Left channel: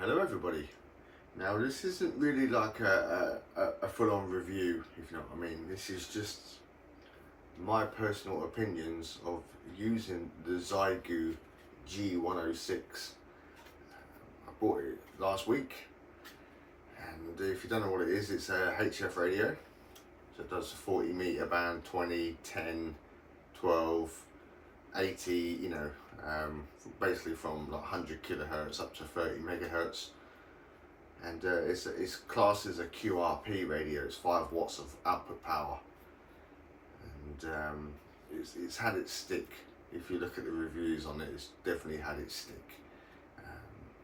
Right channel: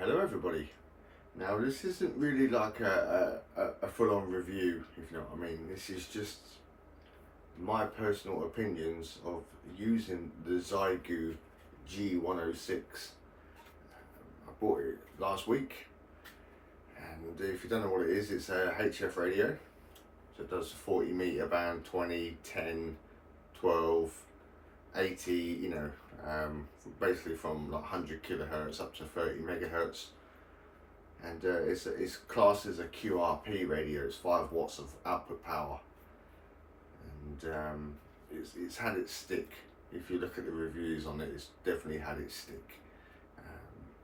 Hello everybody. Now this isn't really like a full-on review, if you know what I mean. This is just my personal opinions of using the Xiegu G106. I bought it last week, and if you don't know what it is, it's a HF radio. So it does 40 meter band, 20, 10, 12, 80, basically from like 100 kilohertz up to 30 megahertz. And it's classed as a QRP radio. It's 5 watts of output power, and it's had its stick. If you look at the reviews on it, it's definitely had its stick.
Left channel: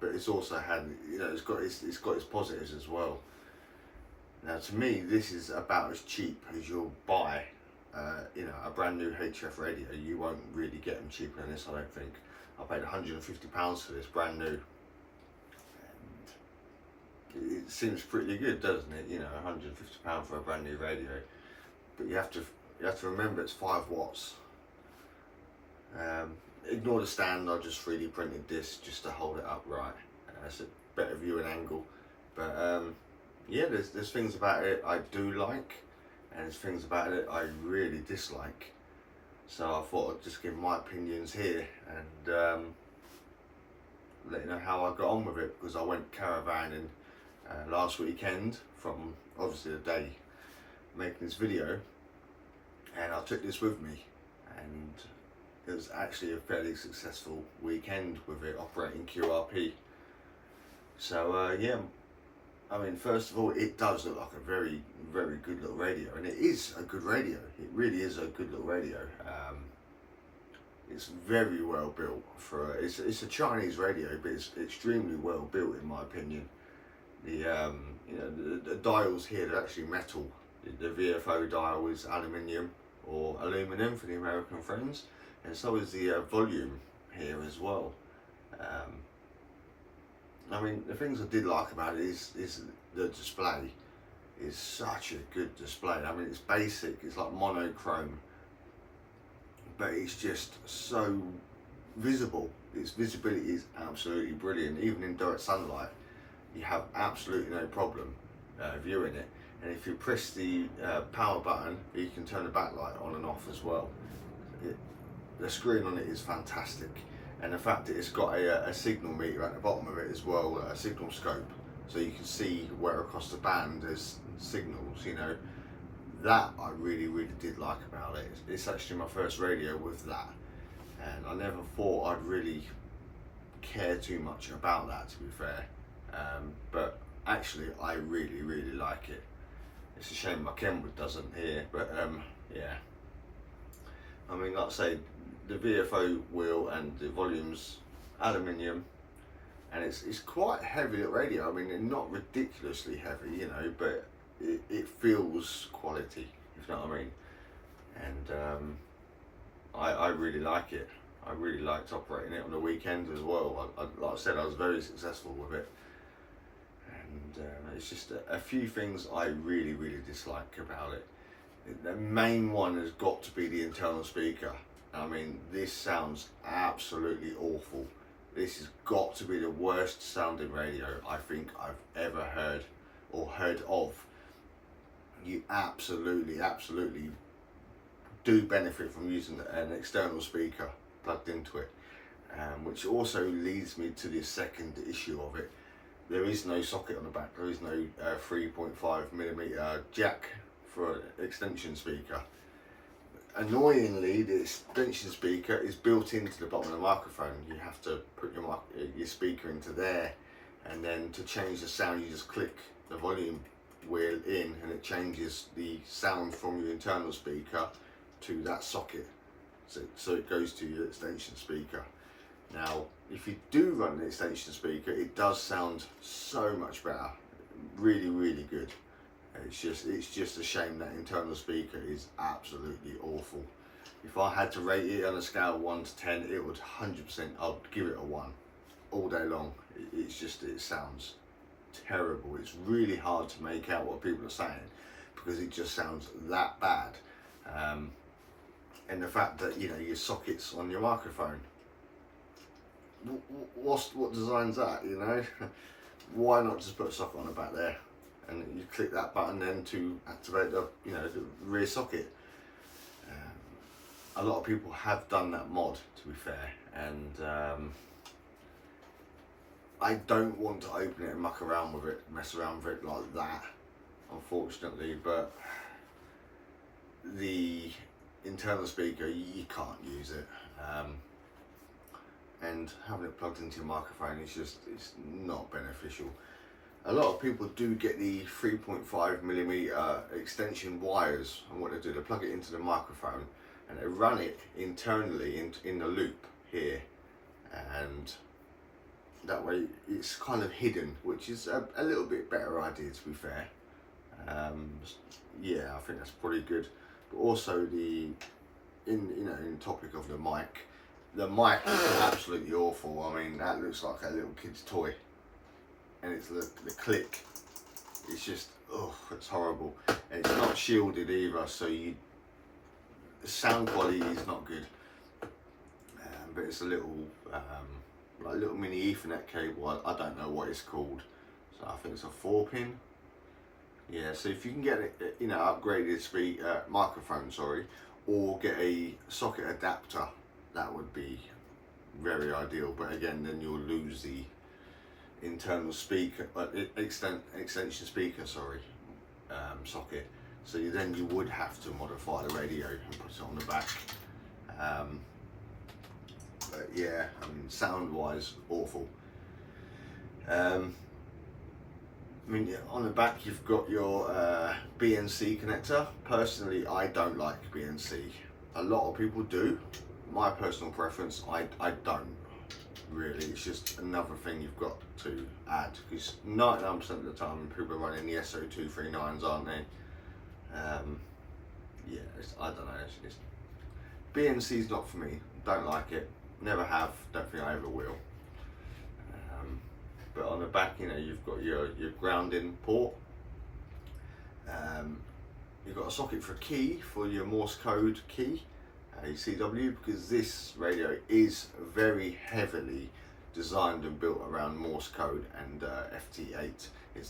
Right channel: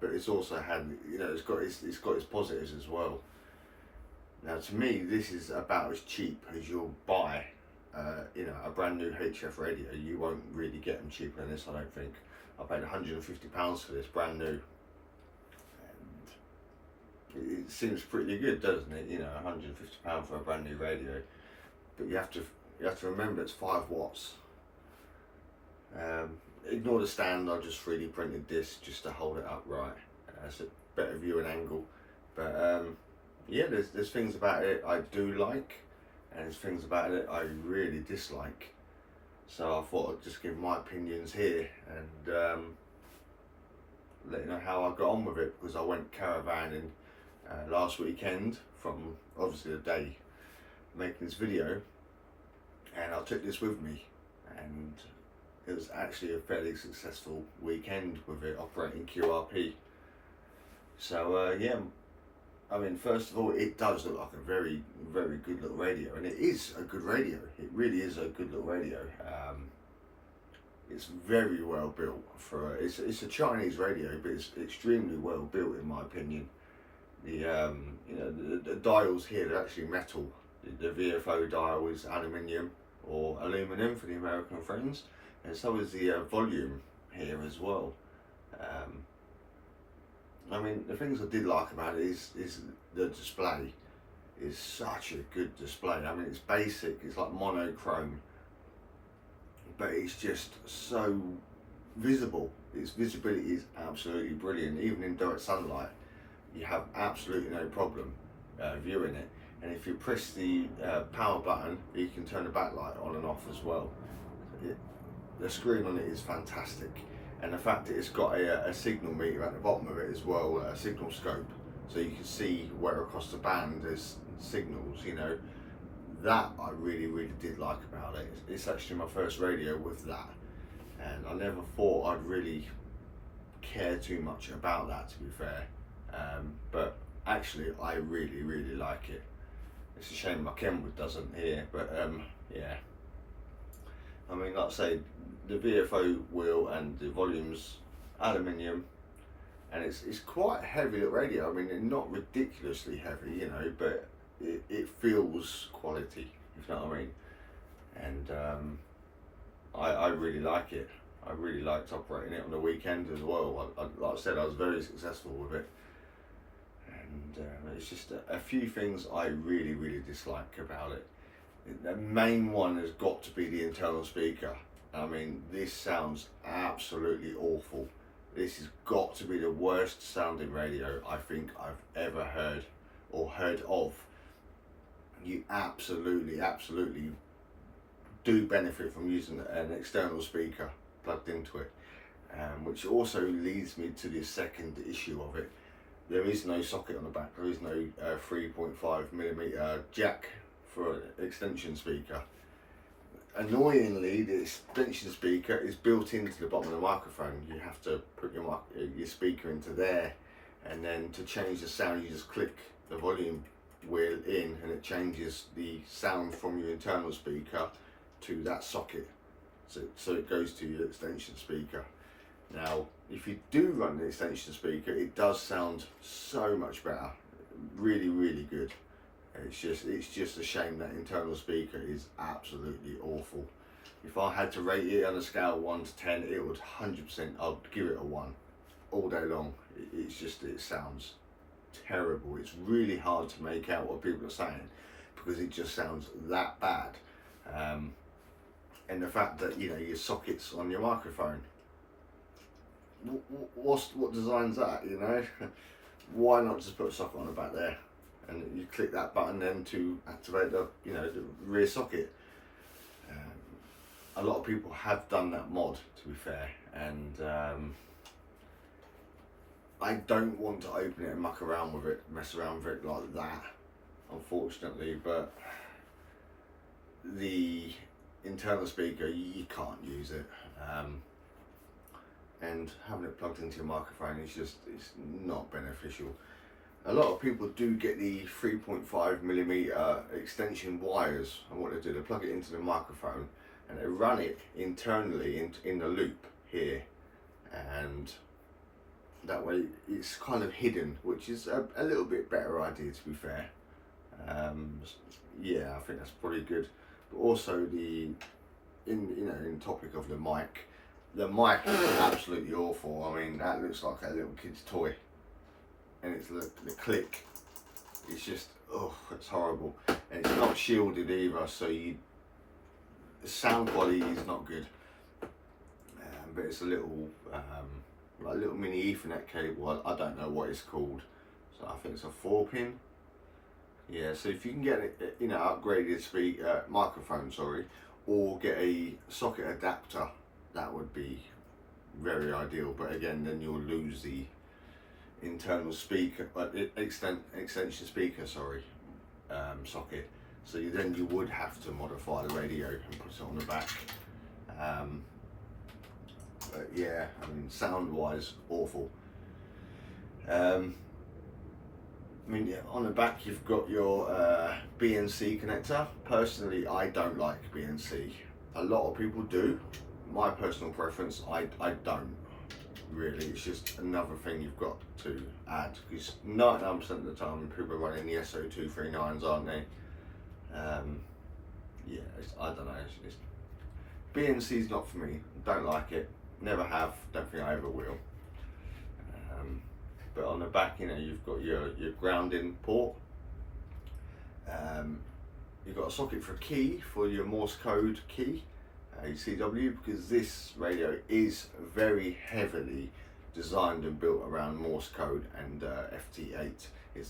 But it's also had, it's got its positives as well. Now, to me, this is about as cheap as you'll buy, a brand new HF radio. You won't really get them cheaper than this, I don't think. I paid £150 for this, brand new. And it seems pretty good, doesn't it? £150 for a brand new radio. But you have to remember it's 5 watts. Ignore the stand. I just 3D printed this just to hold it upright. It's a better viewing angle. But yeah, there's things about it I do like, and there's things about it I really dislike. So I thought I'd just give my opinions here and let you know how I got on with it, because I went caravanning last weekend from obviously the day making this video, and I took this with me, and it was actually a fairly successful weekend with it operating QRP. So yeah, I mean, first of all, it does look like a very, very good little radio, and it is a good radio. It really is a good little radio. It's very well built for it's a Chinese radio, but it's extremely well built in my opinion. The dials here, they're actually metal. The VFO dial is aluminium or aluminum for the American friends, and so is the volume here as well. I mean, the things I did like about it is the display is such a good display. I mean, it's basic, it's like monochrome, but it's just so visible. Its visibility is absolutely brilliant. Even in direct sunlight, you have absolutely no problem viewing it. And if you press the power button, you can turn the backlight on and off as well. The screen on it is fantastic. And the fact that it's got a signal meter at the bottom of it as well, a signal scope, so you can see where across the band there's signals, that I really, really did like about it. It's actually my first radio with that, and I never thought I'd really care too much about that, to be fair, but actually I really, really like it. It's a shame my Kenwood doesn't here, but yeah. I mean, like I say, the VFO wheel and the volume's aluminium, and it's quite a heavy little radio. I mean, not ridiculously heavy, but it feels quality, if you know what I mean. And I really like it. I really liked operating it on the weekend as well. Like I said, I was very successful with it. And it's just a few things I really, really dislike about it. The main one has got to be the internal speaker. I mean, this sounds absolutely awful. This has got to be the worst sounding radio I think I've ever heard or heard of. You absolutely, absolutely do benefit from using an external speaker plugged into it, which also leads me to the second issue of it. There is no socket on the back. There is no 3.5mm jack for an extension speaker. Annoyingly, the extension speaker is built into the bottom of the microphone. You have to put your speaker into there, and then to change the sound, you just click the volume wheel in, and it changes the sound from your internal speaker to that socket. So it goes to your extension speaker. Now, if you do run an extension speaker, it does sound so much better. Really, really good. It's just a shame that internal speaker is absolutely awful. If I had to rate it on a scale of 1 to 10, it would 100%, I'd give it a 1 all day long. It sounds terrible. It's really hard to make out what people are saying because it just sounds that bad. And the fact that, your sockets on your microphone, what design's that, why not just put a socket on the back there, and you click that button then to activate the the rear socket. A lot of people have done that mod, to be fair, and I don't want to open it and muck around with it, mess around with it like that, unfortunately. But the internal speaker, you can't use it, and having it plugged into your microphone is it's not beneficial. A lot of people do get the 3.5mm extension wires, and what they do, they plug it into the microphone and they run it internally in the loop here, and that way it's kind of hidden, which is a little bit better idea, to be fair. Yeah, I think that's pretty good. But also in the topic of the mic is absolutely awful. I mean, that looks like a little kid's toy, and it's the click. It's just, oh, it's horrible, and it's not shielded either, so the sound quality is not good. But it's a little like little mini Ethernet cable. I don't know what it's called. So I think it's a 4-pin. Yeah. So if you can get it, upgraded microphone, or get a socket adapter, that would be very ideal. But again, then you'll lose the internal speaker, extension speaker, socket. So you would have to modify the radio and put it on the back. But yeah, I mean, sound wise, awful. On the back you've got your BNC connector. Personally, I don't like BNC. A lot of people do. My personal preference, I don't really. It's just another thing you've got to add, because 99% of the time people are running the SO239s, aren't they? Yeah, I don't know. BNC's not for me. Don't like it. Never have. Don't think I ever will. But on the back, you've got your grounding port. You've got a socket for a key, for your Morse code key, your CW, because this radio is very heavily designed and built around Morse code and FT8.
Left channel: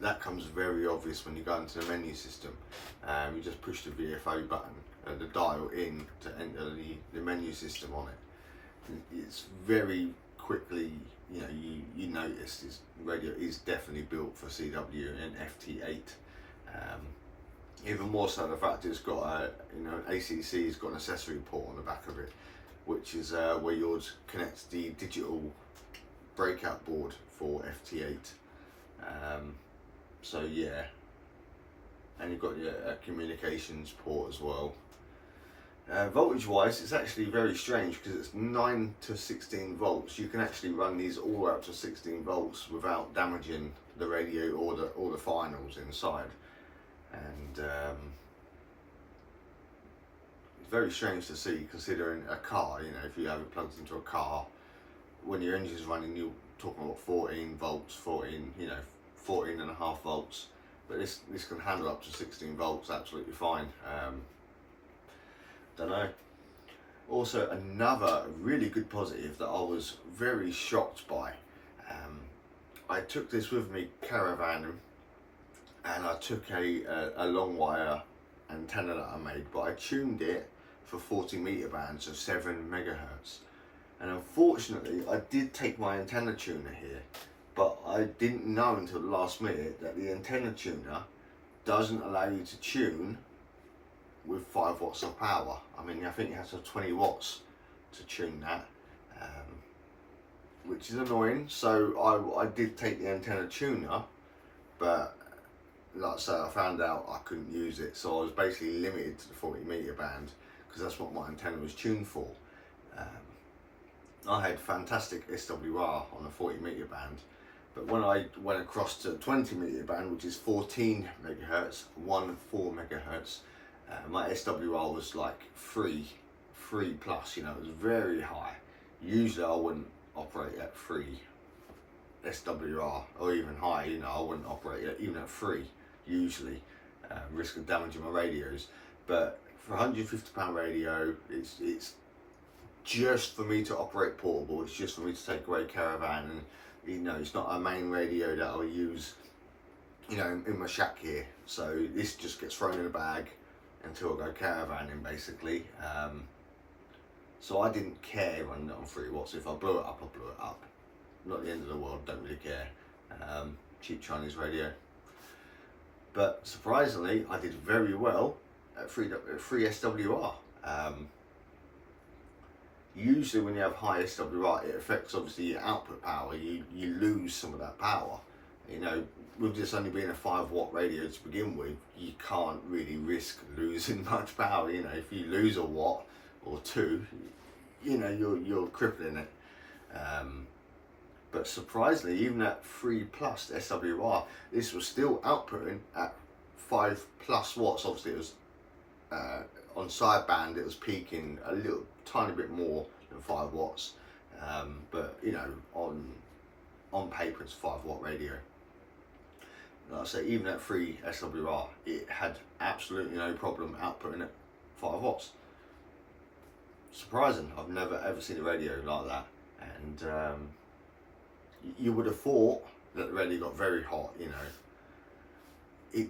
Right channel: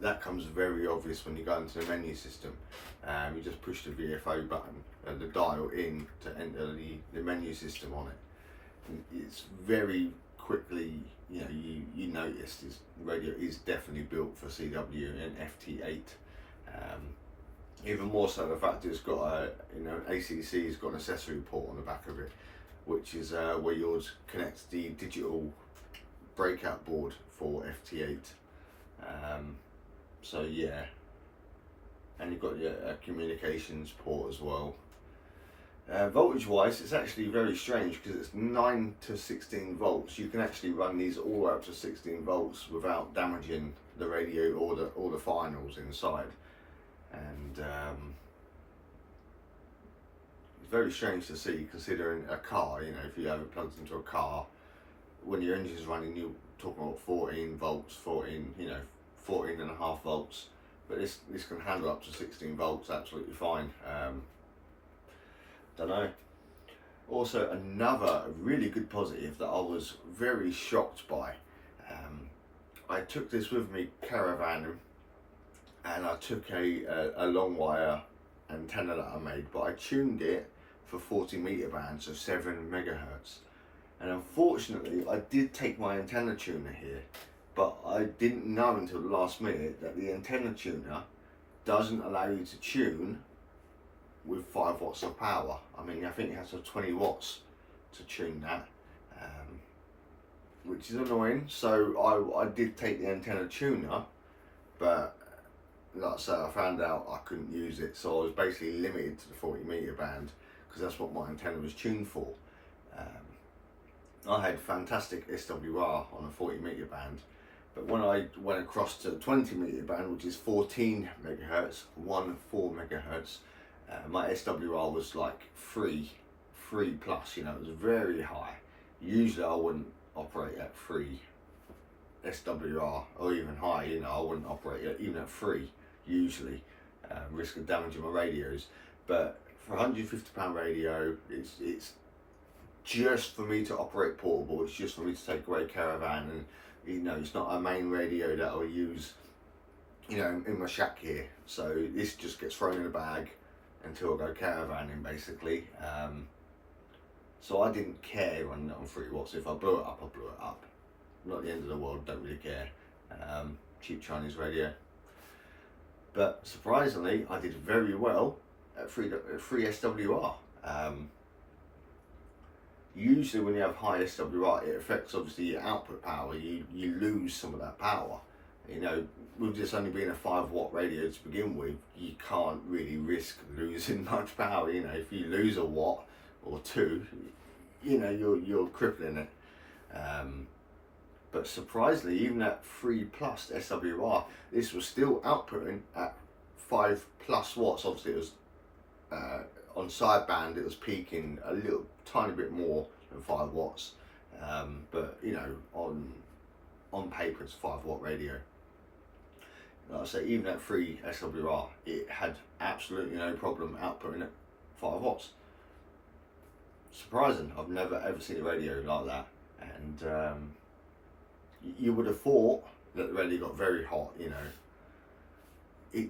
That comes very obvious when you go into the menu system. You just push the VFO button and the dial in to enter the menu system on it. And it's very quickly, you notice this radio is definitely built for CW and FT8. Even more so the fact it's got an ACC's got an accessory port on the back of it, which is where yours connects the digital breakout board for FT8. So yeah, and you've got your communications port as well. Voltage wise, it's actually very strange, because it's 9 to 16 volts. You can actually run these all up to 16 volts without damaging the radio or the finals inside. And it's very strange to see, considering a car, if you have it plugged into a car, when your engine's running, you're talking about 14 volts, 14 and a half volts, but this can handle up to 16 volts absolutely fine. Don't know. Also, another really good positive that I was very shocked by, I took this with me caravanning, and I took a long wire antenna that I made, but I tuned it for 40 meter band, so 7 megahertz. And unfortunately, I did take my antenna tuner here, but I didn't know until the last minute that the antenna tuner doesn't allow you to tune with 5 watts of power. I mean, I think it has to have 20 watts to tune that, which is annoying. So I did take the antenna tuner, but like I say, I found out I couldn't use it, so I was basically limited to the 40 meter band, because that's what my antenna was tuned for. I had fantastic SWR on a 40 meter band, but when I went across to 20 meter band, which is 14 megahertz, 4 megahertz, my SWR was like 3 plus, it was very high. Usually I wouldn't operate at 3 SWR, or even high, I wouldn't operate even at 3 usually, risk of damaging my radios. But for a £150 radio, it's just for me to operate portable. It's just for me to take away caravan and You know, it's not a main radio that I'll use, you know, in my shack here. So this just gets thrown in a bag until I go caravanning, basically. So I didn't care running it on 3 watts. If I blew it up, I blew it up. Not the end of the world, don't really care. Cheap Chinese radio. But surprisingly, I did very well at 3 SWR. Usually when you have high SWR, it affects obviously your output power. You lose some of that power. You know, with this only being a 5 watt radio to begin with, you can't really risk losing much power. You know, if you lose a watt or 2, you know, you're crippling it. But surprisingly, even at 3+ SWR, this was still outputting at 5+ watts. Obviously, it was on sideband, it was peaking a little tiny bit more than 5 watts. But you know, on paper, it's a 5 watt radio. Like I say, even at 3 SWR, it had absolutely no problem outputting at 5 watts. Surprising. I've never ever seen a radio like that. And you would have thought that the radio got very hot, you know. It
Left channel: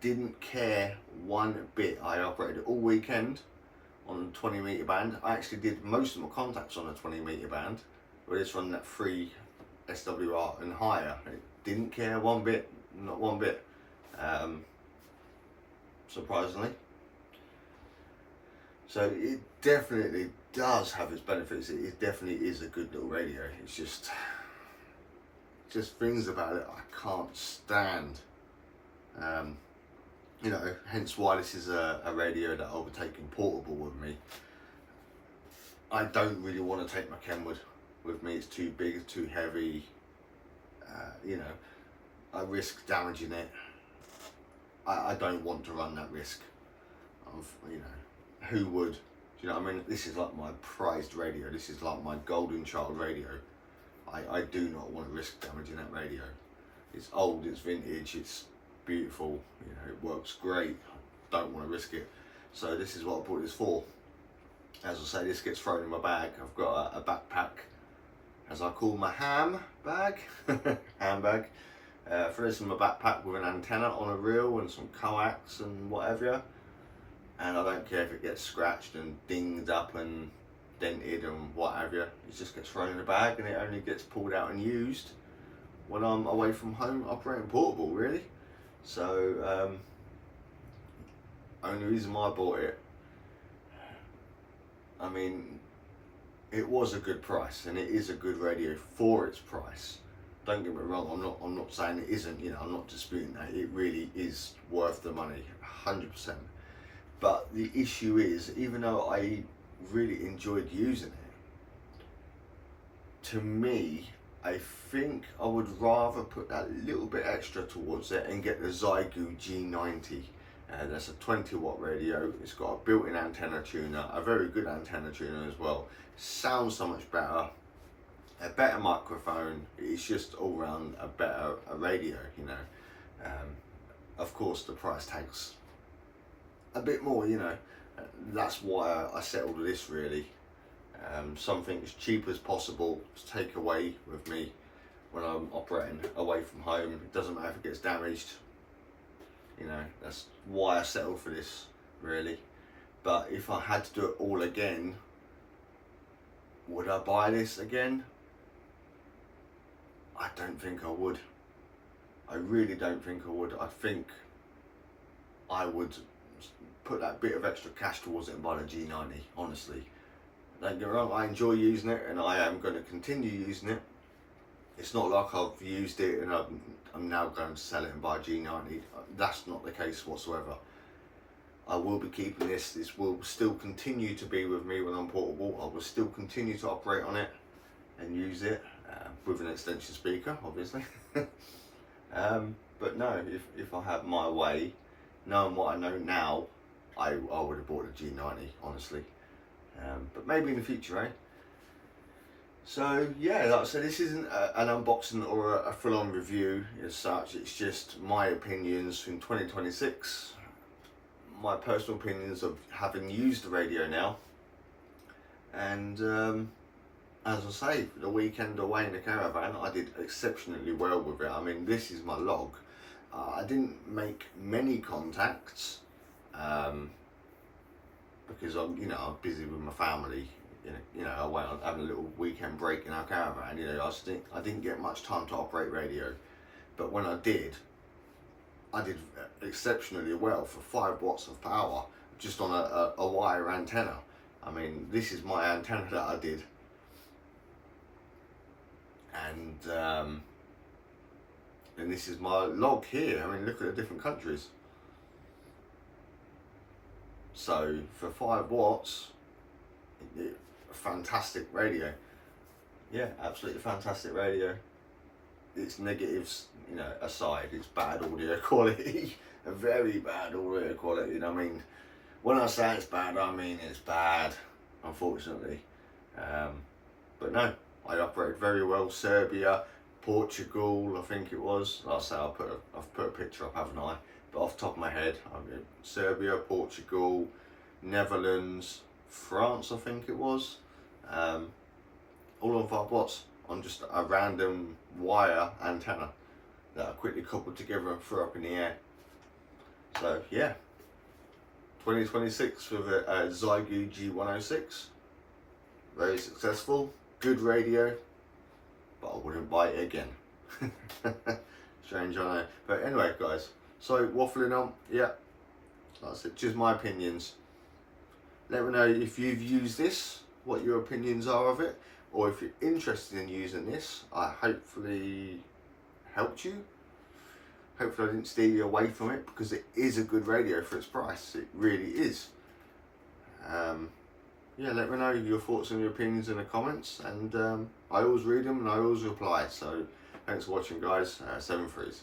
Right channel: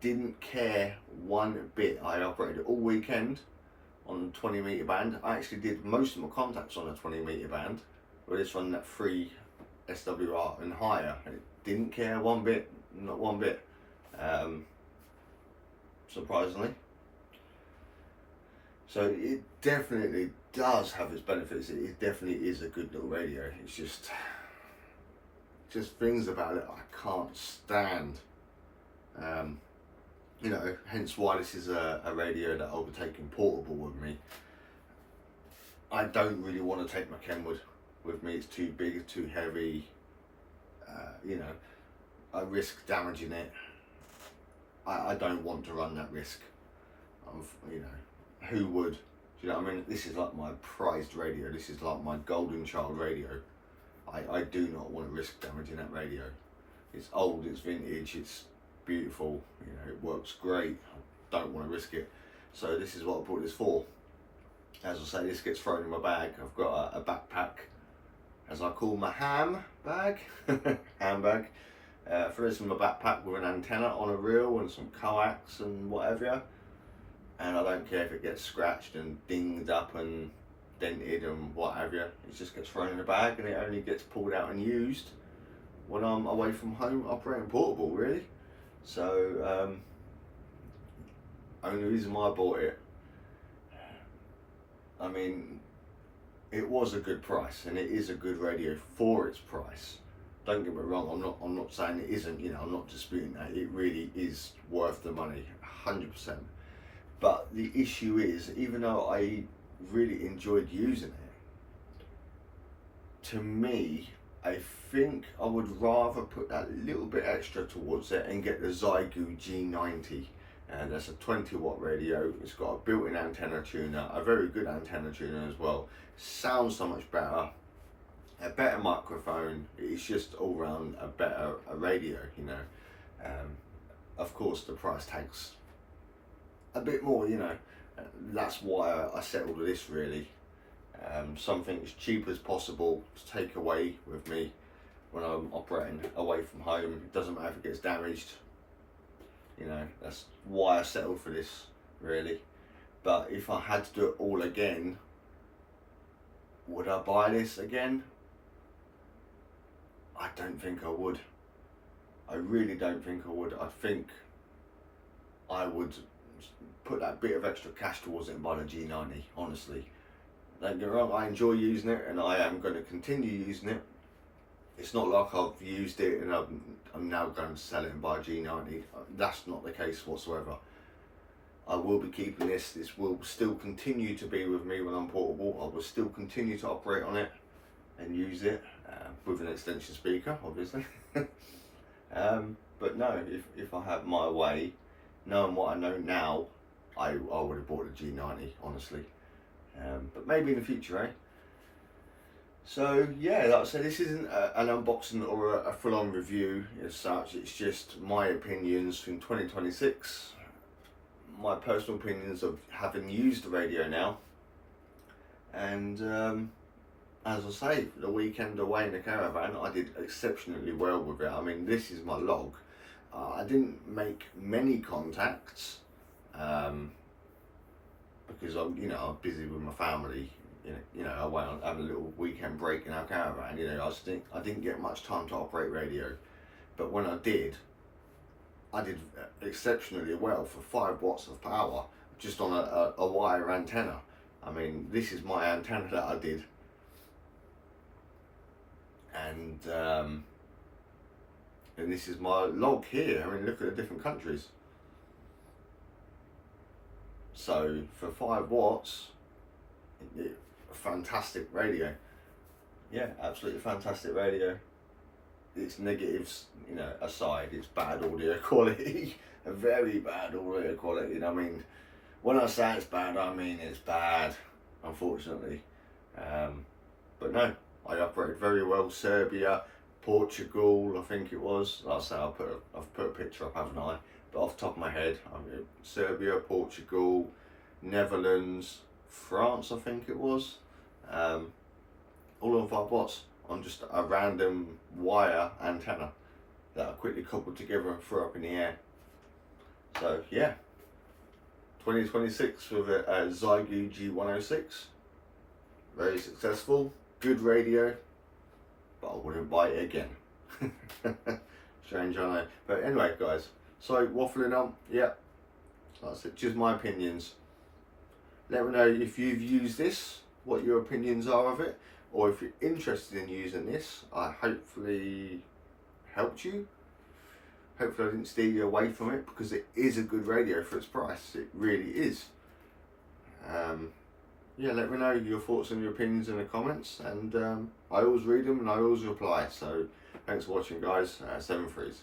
didn't care one bit. I operated all weekend on 20 meter band. I actually did most of my contacts on a 20 meter band, but it's running at 3 SWR and higher. It didn't care one bit, not one bit. Surprisingly. So it definitely does have its benefits. It definitely is a good little radio. It's just things about it I can't stand. You know, hence why this is a radio that I'll be taking portable with me. I don't really want to take my Kenwood with me. It's too big, it's too heavy. You know, I risk damaging it. I don't want to run that risk of, you know, who would? Do you know what I mean? This is like my prized radio. This is like my golden child radio. I do not want to risk damaging that radio. It's old, it's vintage, it's beautiful, you know, it works great. I don't want to risk it. So this is what I bought this for. As I say, this gets thrown in my bag. I've got a backpack, as I call my handbag. Throw this in my backpack with an antenna on a reel and some coax and whatever. And I don't care if it gets scratched and dinged up and dented and whatever. It just gets thrown in a bag, and it only gets pulled out and used when I'm away from home operating portable, really. So only reason why I bought it, I mean, it was a good price, and it is a good radio for its price. Don't get me wrong, I'm not saying it isn't, you know, I'm not disputing that. It really is worth the money, 100%. But the issue is, even though I really enjoyed using it, to me, I think I would rather put that little bit extra towards it and get the Xiegu G106. And that's a 20 watt radio. It's got a built-in antenna tuner, a very good antenna tuner as well. Sounds so much better, a better microphone. It's just all round a better radio, you know. Of course, the price tag's a bit more, you know. That's why I settled with this, really. Something as cheap as possible to take away with me when I'm operating away from home. It doesn't matter if it gets damaged. You know, that's why I settled for this, really. But if I had to do it all again, would I buy this again? I don't think I would. I really don't think I would. I think I would put that bit of extra cash towards it and buy the G90, honestly. Don't get me wrong, I enjoy using it, and I am going to continue using it. It's not like I've used it and I'm now going to sell it and buy a G90. That's not the case whatsoever. I will be keeping this. This will still continue to be with me when I'm portable. I will still continue to operate on it and use it with an extension speaker, obviously. But no, if I had my way, knowing what I know now, I would have bought a G90, honestly. But maybe in the future, eh? So yeah, like I said, this isn't an unboxing or a full-on review as such. It's just my opinions from 2026, my personal opinions of having used the radio now, and as I say, for the weekend away in the caravan, I did exceptionally well with it. I mean, this is my log. I didn't make many contacts because I'm busy with my family. I went on having a little weekend break in our caravan. I didn't get much time to operate radio, but when I did exceptionally well for 5 watts of power just on a wire antenna. I mean, this is my antenna that I did, and this is my log here. I mean, look at the different countries. So for 5 watts, fantastic radio. Yeah, absolutely fantastic radio. Its negatives, aside, it's bad audio quality, a very bad audio quality. I mean, when I say it's bad, I mean it's bad, unfortunately. But no, I operated very well. Serbia, Portugal, I think it was. Like I say, I've put a picture up, haven't I? But off the top of my head, Serbia, Portugal, Netherlands, France, I think it was. All on 5 watts on just a random wire antenna that I quickly coupled together and threw up in the air. So yeah, 2026 with a Xiegu G106. Very successful, good radio, but I wouldn't buy it again. Strange, I know. But anyway, guys, so waffling on, yeah, that's it, just my opinions. Let me know if you've used this, what your opinions are of it, or if you're interested in using this. I hopefully helped you. Hopefully I didn't steer you away from it, because it is a good radio for its price. It really is. Yeah, let me know your thoughts and your opinions in the comments, and I always read them and I always reply. So thanks for watching, guys. 7 threes.